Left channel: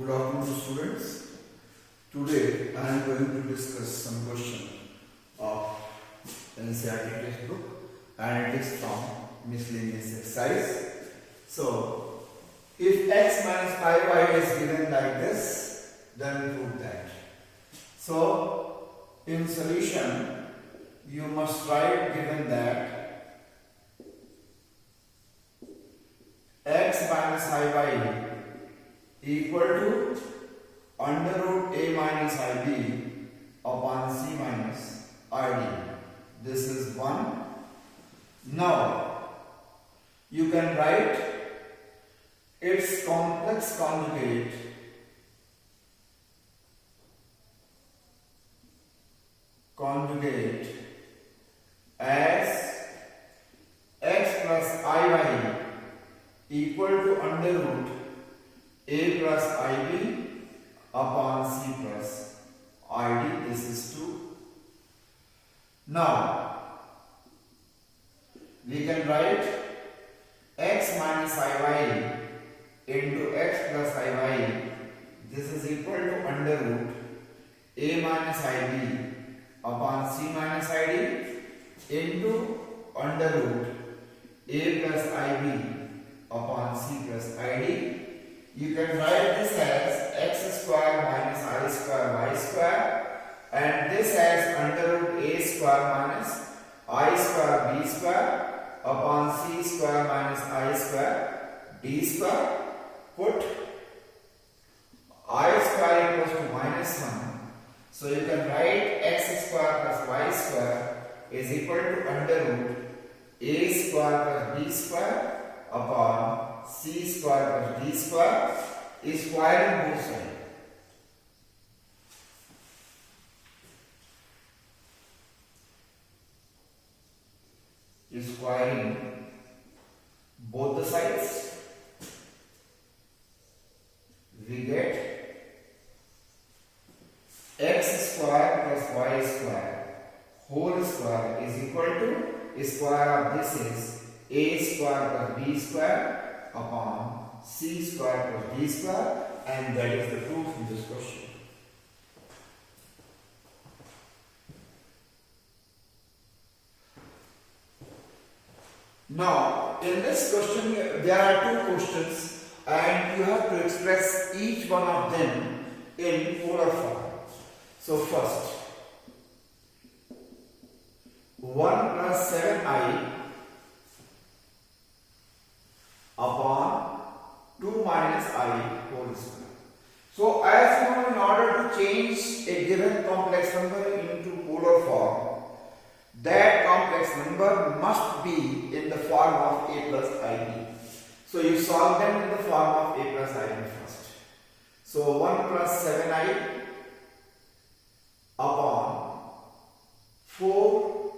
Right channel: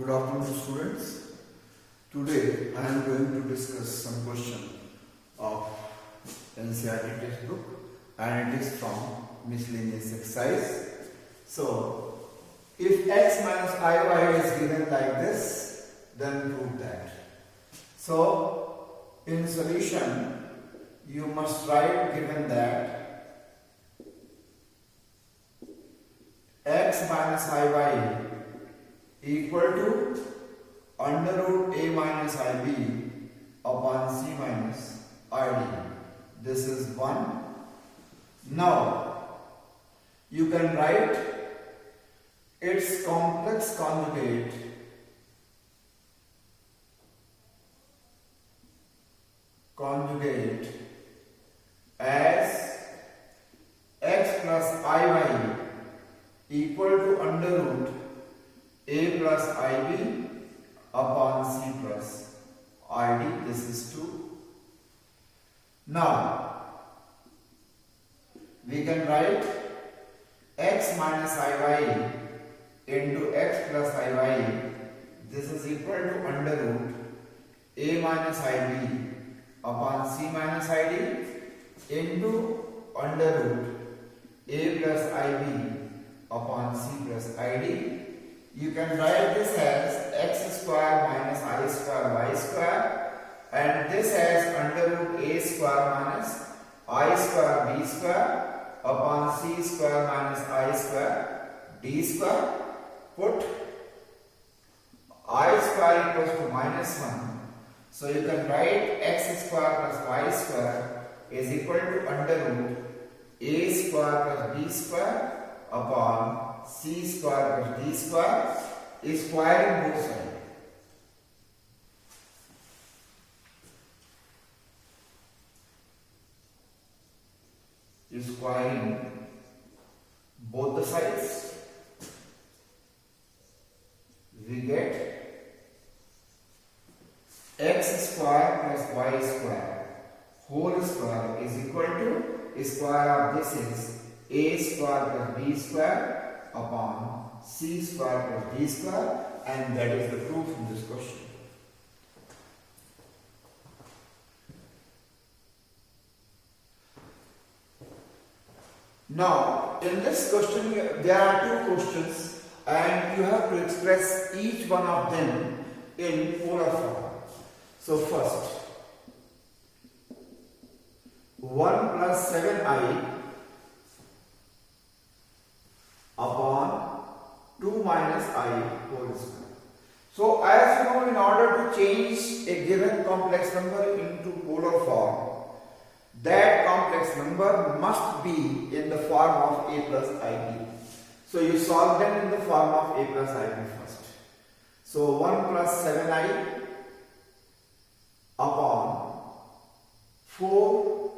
Good afternoon, students. Today I am going to discuss some question of NCERT textbook, and it is from miscellaneous exercise. So, if x minus iy is given like this, then prove that. So, in solution, you must write given that x minus iy equal to under root a minus ib upon c minus id. This is 1. Now, you can write its complex conjugate as x plus iy equal to under root a plus ib upon c plus id. This is 2. Now, we can write x minus iy into x plus iy. This is equal to under root a minus ib upon c minus id into under root a plus ib upon c plus id. You can write this as x square minus I square y square, and this as under root a square minus I square b square upon c square minus I square d square. Put I square equals to minus 1. So you can write x square plus y square is equal to under root a square plus b square upon c square plus d square is squaring both sides. Is squaring both the sides. We get x square plus y square whole square is equal to square of this is a square plus b square upon c square plus d square, and that is the proof in this question. Now, in this question, there are 2 questions, and you have to express each one of them in polar form. So, first, 1 plus 7i upon 2 minus I whole square. So, as you know, in order to change a given complex number into polar form, that complex number must be in the form of a plus ib. So, you solve them in the form of a plus ib first. So, 1 plus 7i upon 4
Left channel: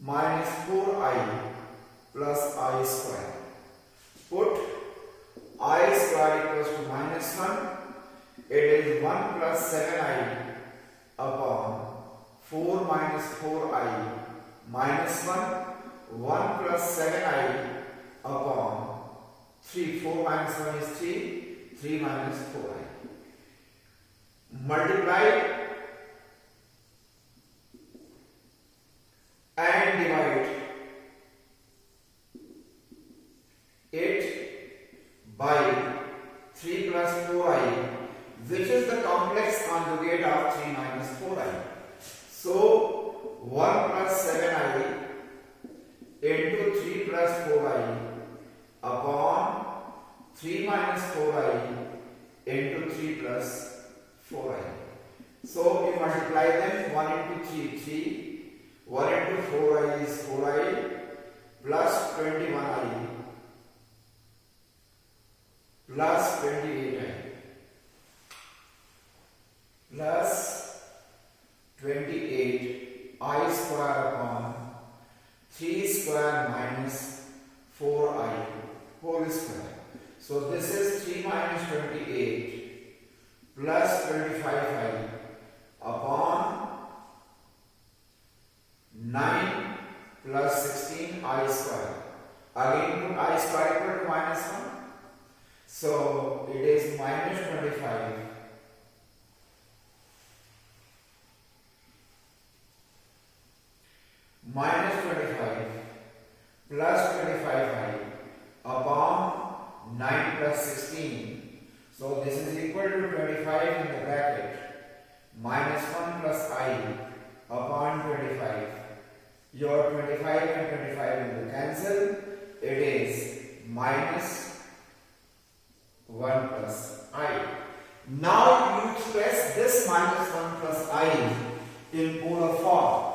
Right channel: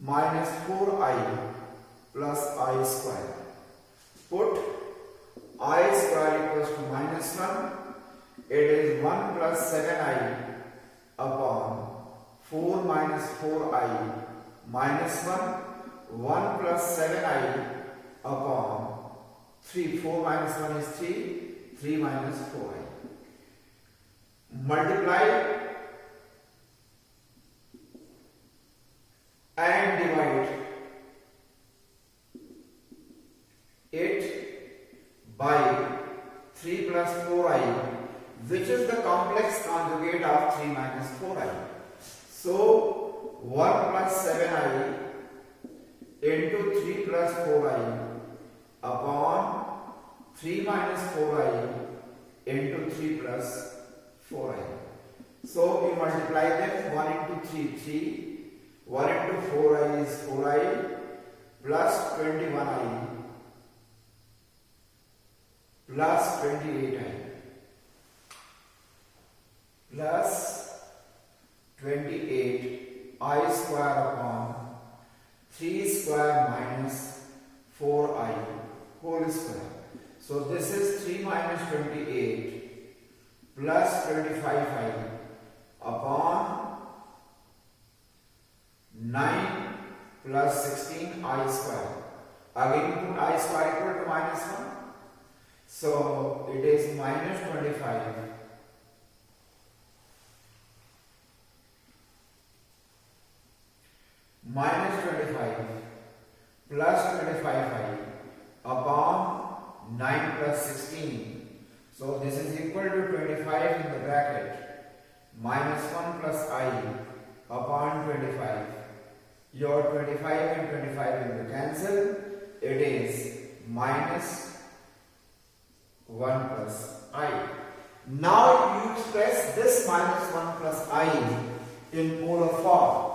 minus 4i plus I square. Put I square equals to minus 1. It is 1 plus 7i upon 4 minus 4i minus 1. 1 plus 7i upon 3. 4 minus 1 is 3. 3 minus 4i. Multiply and divide it by 3 plus 4i, which is the complex conjugate of 3 minus 4i. So, 1 plus 7i into 3 plus 4i upon 3 minus 4i into 3 plus 4i. So, we multiply them. 1 into 3, 3. 1 into 4i is 4i plus 21i plus 28i plus 28i square upon 3 square minus 4i whole square. So this is 3 minus 28 plus 25i upon 9 plus 16 I square. Again put I square equal to minus 1. So it is minus 25 minus 25 plus 25i upon 9 plus 16. So this is equal to 25 in the bracket minus 1 plus I upon 25. Your 25 and 25 will be cancelled. It is minus 1 plus I. Now you express this minus 1 plus I in polar form.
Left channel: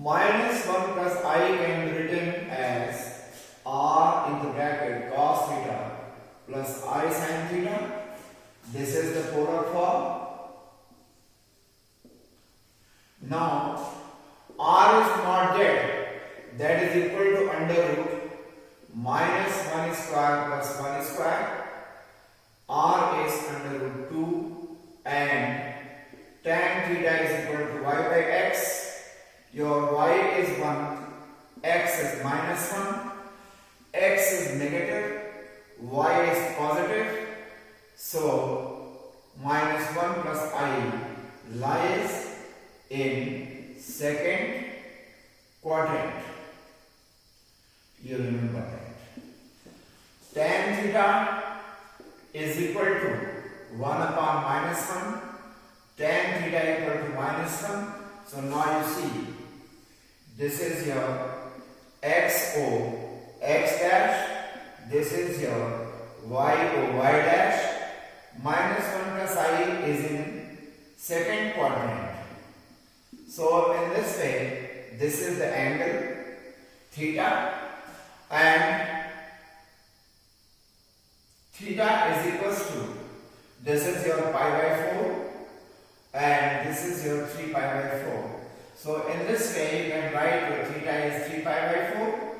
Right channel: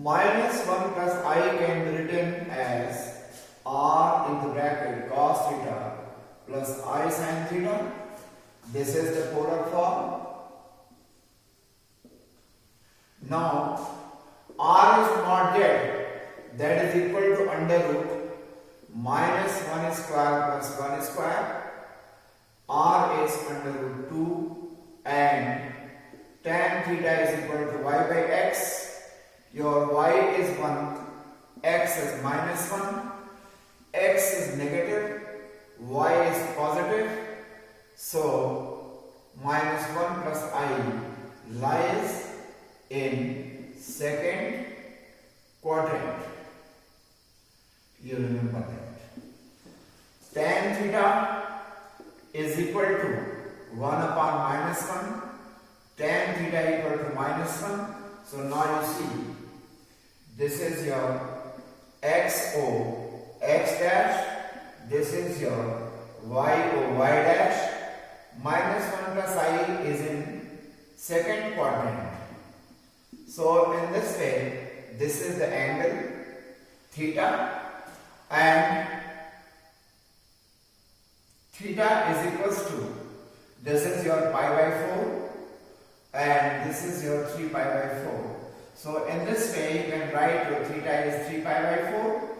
Minus 1 plus I can be written as r in the bracket cos theta plus I sin theta. This is the polar form. Now r is not z, that is equal to under root minus 1 square plus 1 square. R is under root 2 and tan theta is equal to y by x. Your y is 1, x is minus 1, x is negative, y is positive. So minus 1 plus I lies in second quadrant. You remember that. Tan theta is equal to 1 upon minus 1, tan theta equal to minus 1. So now you see, this is your xo x dash, this is your yo y dash. Minus 1 plus I is in second quadrant. So in this way, this is the angle theta, and theta is equals to, this is your pi by 4 and this is your 3 pi by 4. So in this way you can write your theta is 3 pi by 4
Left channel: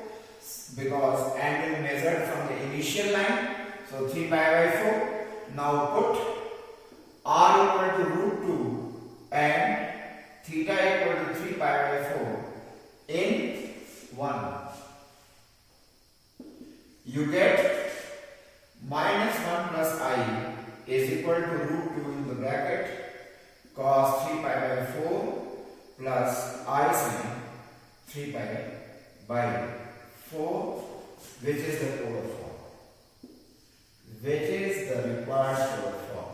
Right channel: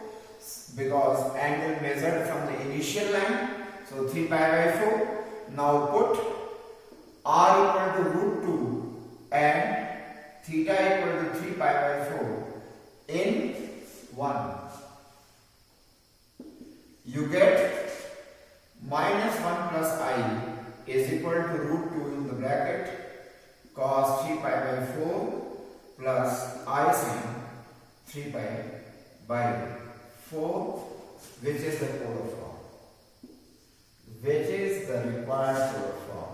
because angle measured from the initial line. So 3 pi by 4. Now put r equal to root 2 and theta equal to 3 pi by 4 in 1. You get minus 1 plus I is equal to root 2 in the bracket cos 3 pi by 4 plus I sin 3 pi by 4, which is the polar form, which is the required polar form.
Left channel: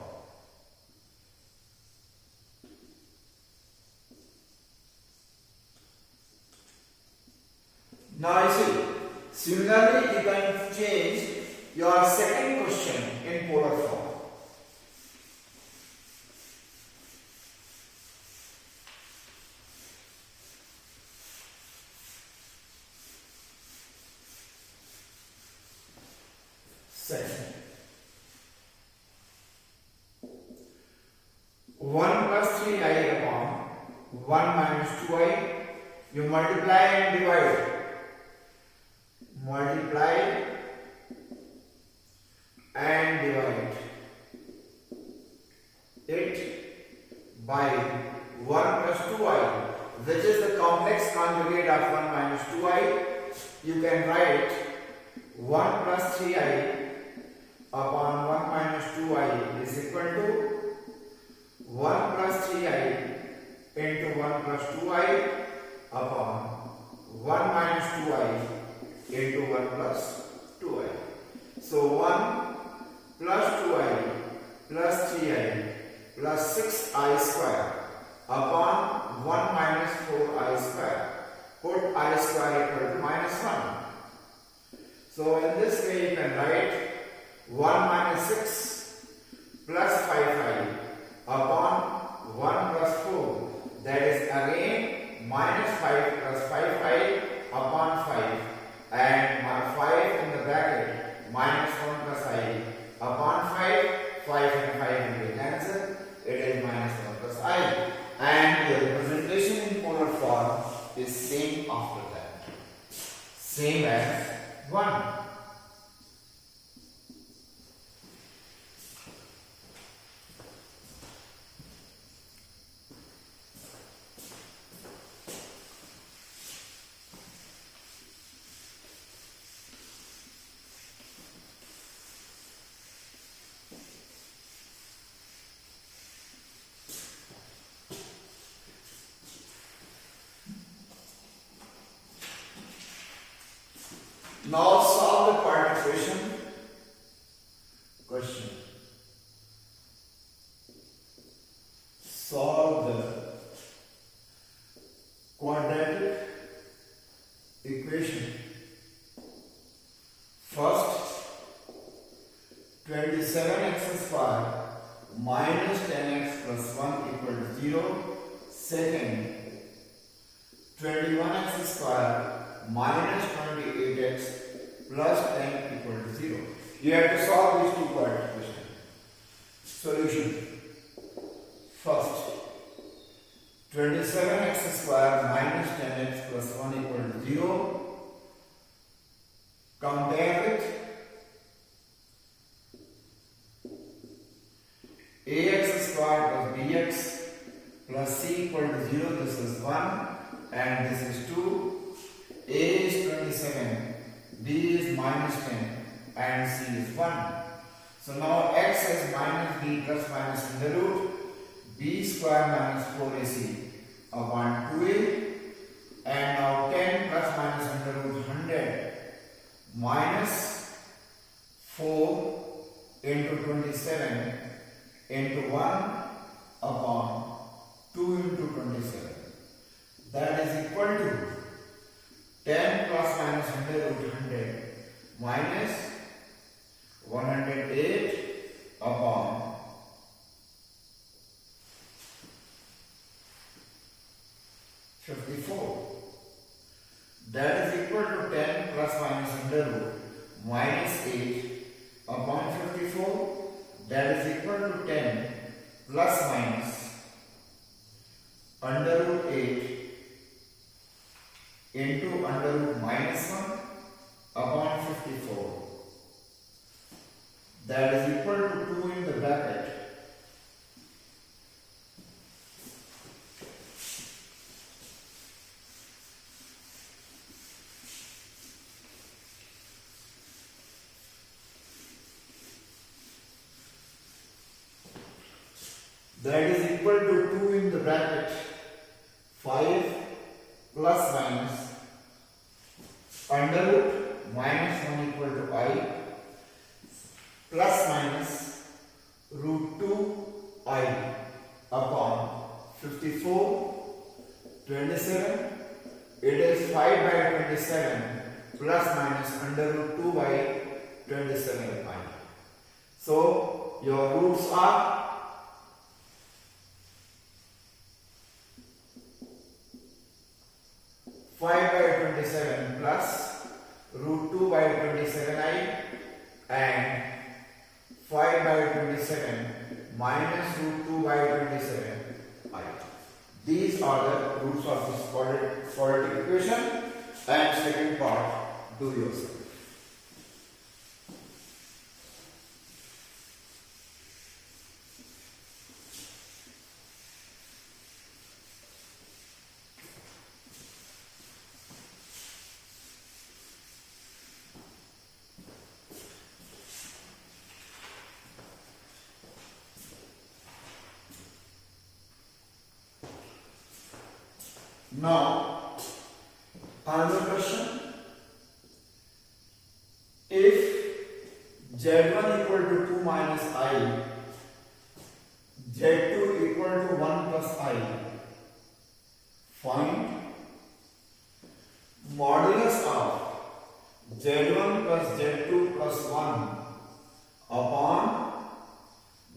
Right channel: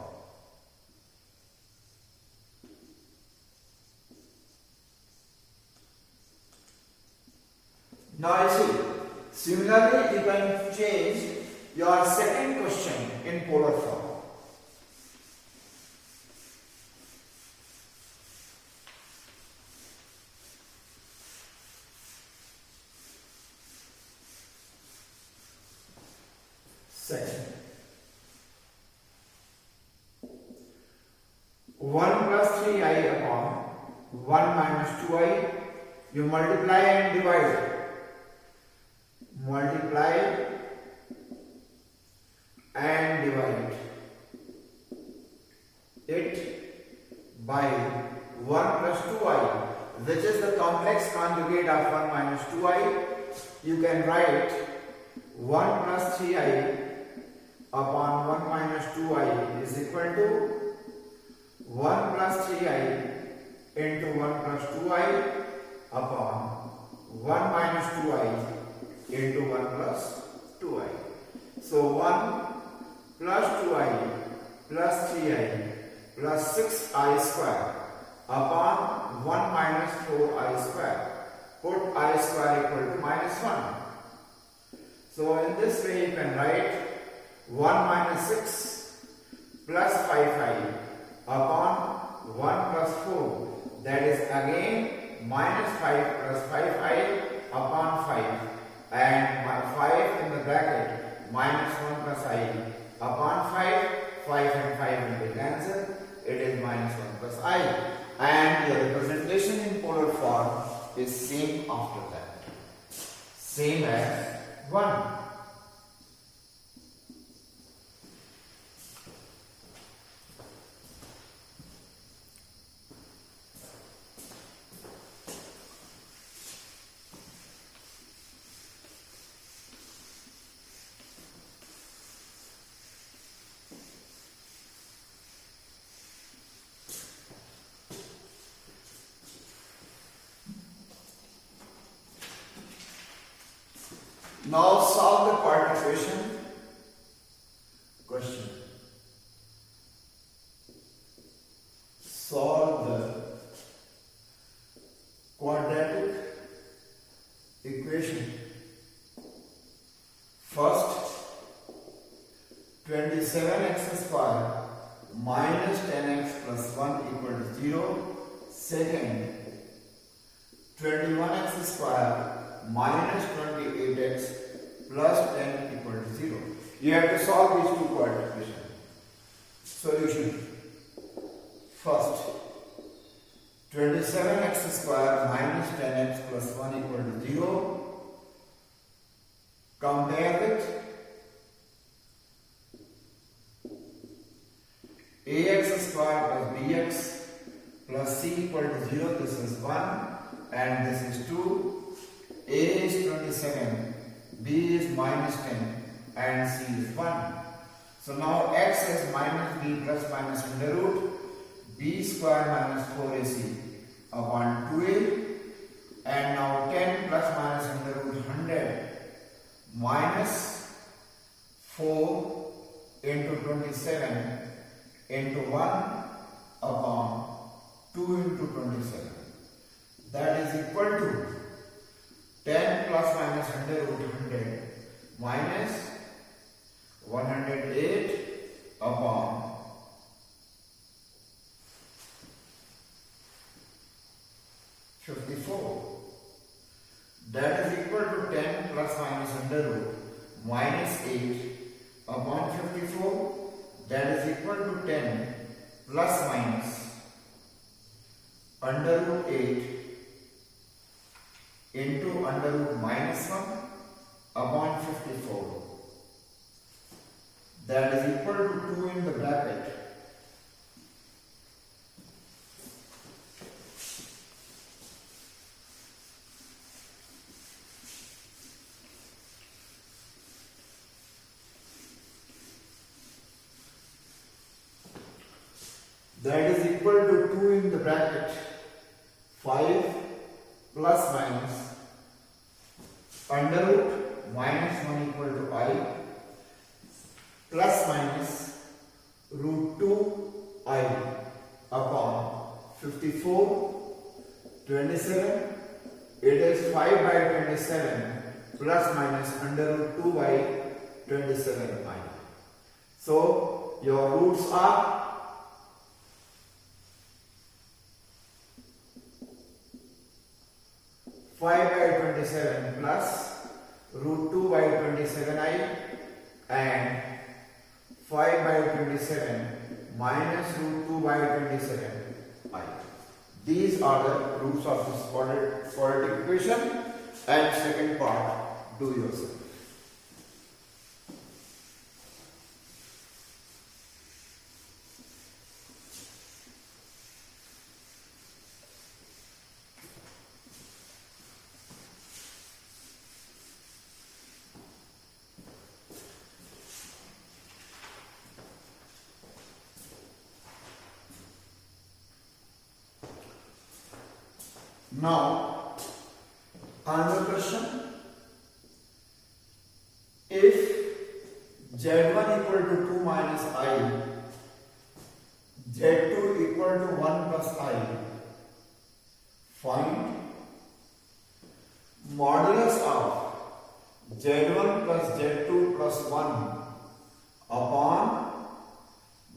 Now you see, similarly you can change your second question in polar form. Second, 1 plus 3i upon 1 minus 2i, you multiply and divide. Multiply and divide it by 1 plus 2i, which is the complex conjugate of 1 minus 2i. You can write 1 plus 3i upon 1 minus 2i is equal to 1 plus 3i into 1 plus 2i upon 1 minus 2i into 1 plus 2i. So 1 plus 2i plus 3i plus 6i square upon 1 minus 4i square. Put I square equal to minus 1. So in this way you can write 1 minus 6 plus 5i upon 1 plus 4, that is again minus 5 plus 5i upon 5, and 5 in the bracket minus 1 plus I upon 5, 5 and 5 will be cancelled, it is minus 1 plus I, and the representation in polar form is same after that, same as 1. solve the part equation. Question. Solve the quadratic equation. First, 27x square minus 10x plus 1 equal to 0. Second, 21x square minus 28x plus 10 equal to 0. You have to solve these two quadratic equations. Solution. First, 27x square minus 10x plus 1 equal to 0. Compare with ax square plus bx plus c equal to 0. This is 1 and this is 2. A is 27, b is minus 10 and c is 1. So now x is minus b plus minus under root b square minus 4ac upon 2a, and now 10 plus minus under root 100 minus 4 into 27 into 1 upon 2 into 27. That is equal to 10 plus minus under root 100 minus 108 upon 54. That is equal to 10 plus minus under root minus 8 upon 54. That is equal to 10 plus minus under root 8 into under root minus 1 upon 54. That is equal to 2 in the bracket. That is equal to 2 in the bracket 5 plus minus under root minus 1 equal to I plus minus root 2I upon 54, 27. It is 5 by 27 plus minus under root 2 by 27I. So your roots are 5 by 27 plus root 2 by 27I and 5 by 27 minus root 2 by 27I. These are the roots of this quadratic equation. And second part, do yourself. Now, another question. If Z1 equal to 2 minus I, Z2 equal to 1 plus I, find modulus of Z1 plus Z2 plus 1 upon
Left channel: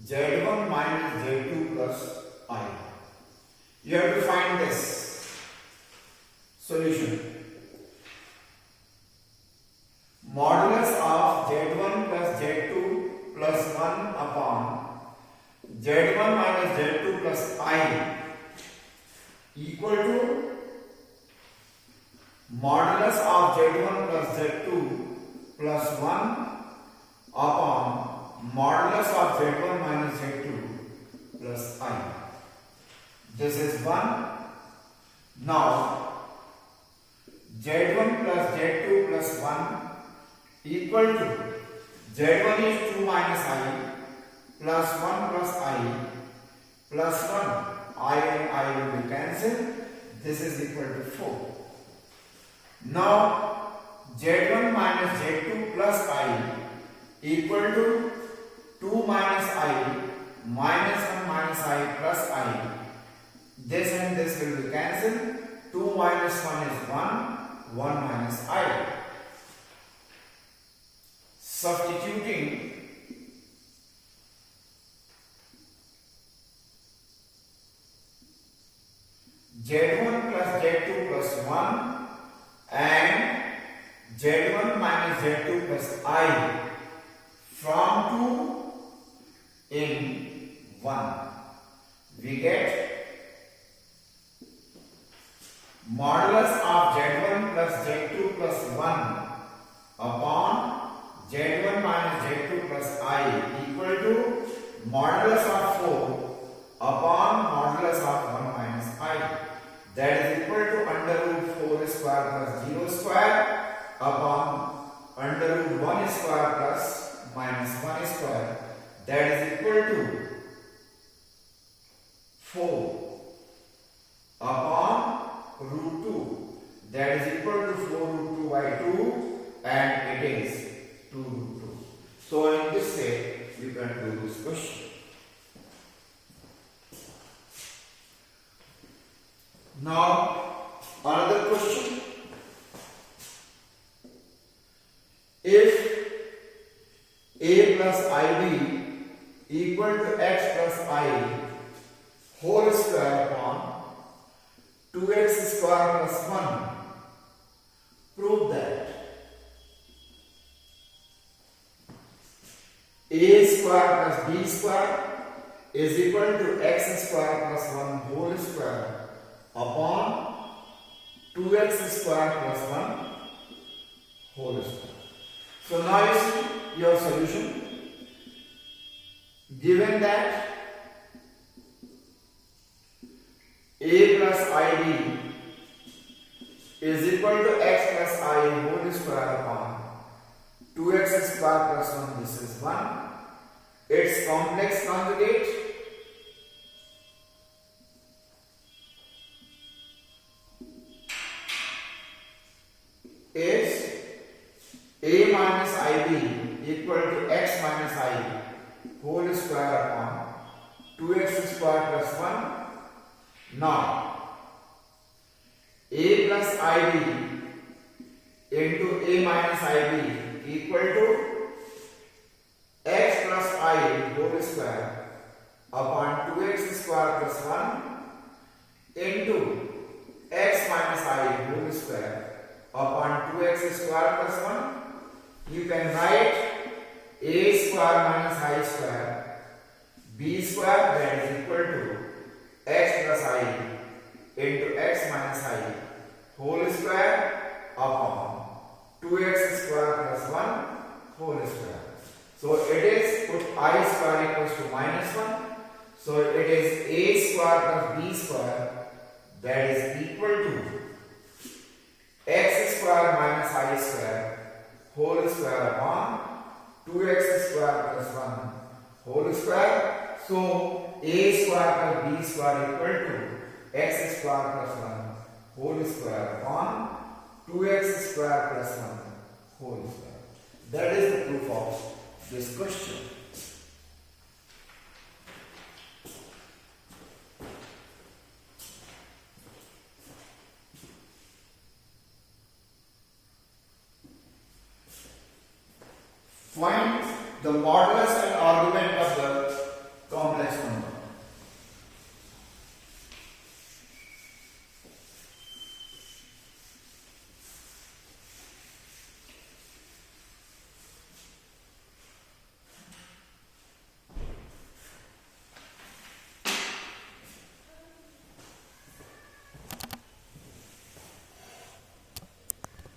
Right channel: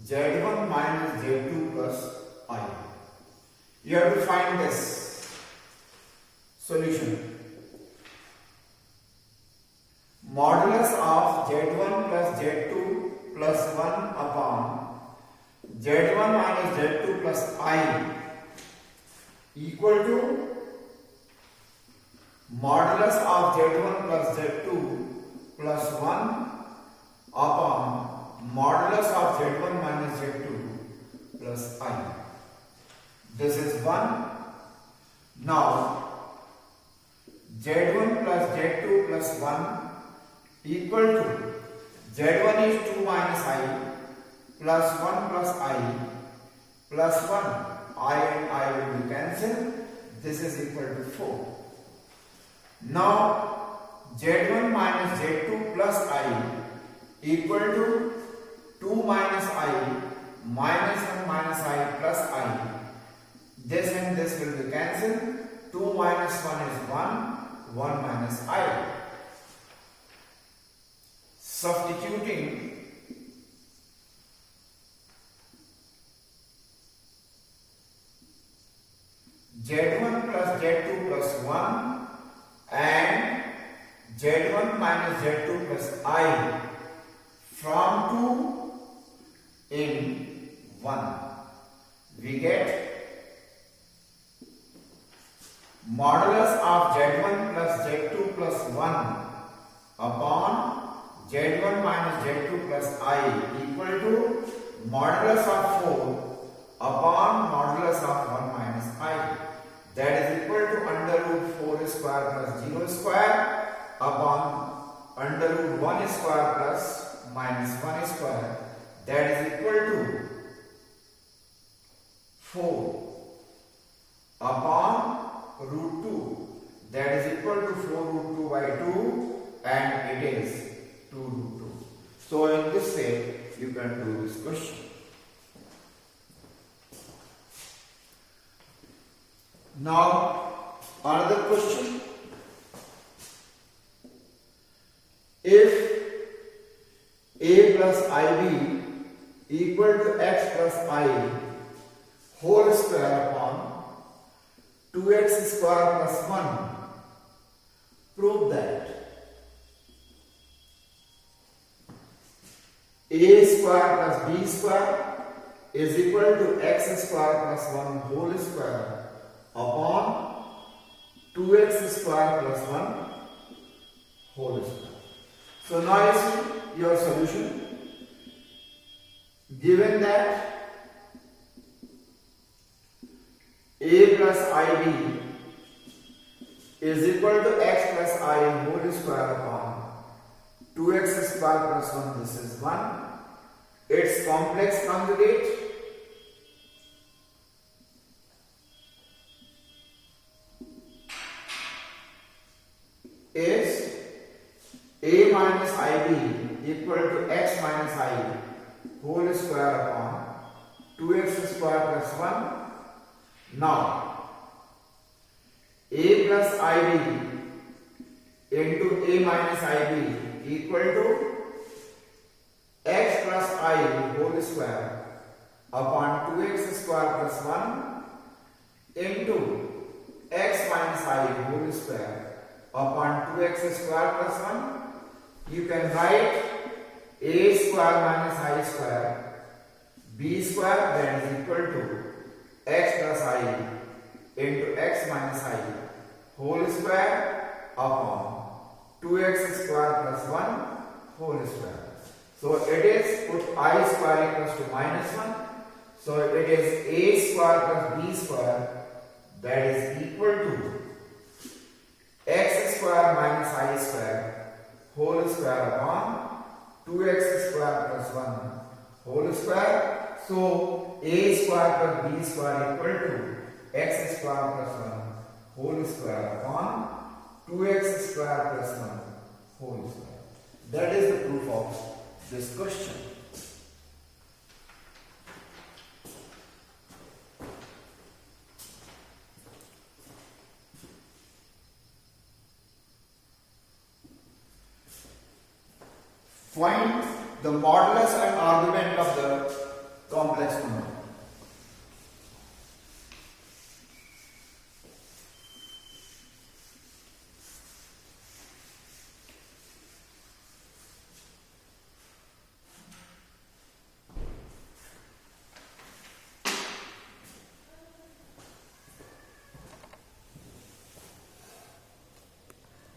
Z1 minus Z2 plus I. You have to find this. Solution. Modulus of Z1 plus Z2 plus 1 upon Z1 minus Z2 plus I equal to modulus of Z1 plus Z2 plus 1 upon modulus of Z1 minus Z2 plus I. This is 1. Now, Z1 plus Z2 plus 1 equal to Z1 is 2 minus I plus 1 plus I plus 1. I and I will be cancelled. This is equal to 4. Now, z1 minus z2 plus I equal to 2 minus I minus 1 minus I plus I. This and this will be cancelled. 2 minus 1 is 1, 1 minus I. Substituting z1 plus z2 plus 1 and z1 minus z2 plus I from 2 in 1. We get modulus of z1 plus z2 plus 1 upon z1 minus z2 plus I equal to modulus of 4 upon modulus of 1 minus I. That is equal to under root 4 square plus 0 square upon under root 1 square plus minus 1 square. That is equal to 4 upon root 2. That is equal to 4 root 2 by 2 and it is 2 root 2. So in this way we can do this question. Now another question. If a plus ib equal to x plus I whole square upon 2x square plus 1, prove that a square plus b square is equal to x square plus 1 whole square upon 2x square plus 1 whole square. So now you see your solution. Given that a plus ib is equal to x plus I whole square upon 2x square plus 1, this is 1. Its complex conjugate is a minus ib equal to x minus I whole square upon 2x square plus 1. Now a plus ib into a minus ib equal to x plus I whole square upon 2x square plus 1 into x minus I whole square upon 2x square plus 1. You can write a square minus I square b square, that is equal to x plus I into x minus I whole square upon 2x square plus 1 whole square. So it is, put I square equals to minus 1. So it is a square plus b square, that is equal to x square minus I square whole square upon 2x square plus 1 whole square. So a square plus b square equal to x square plus 1 whole square upon 2x square plus 1 whole square. That is the proof of this question. Find the modulus and argument of the complex number.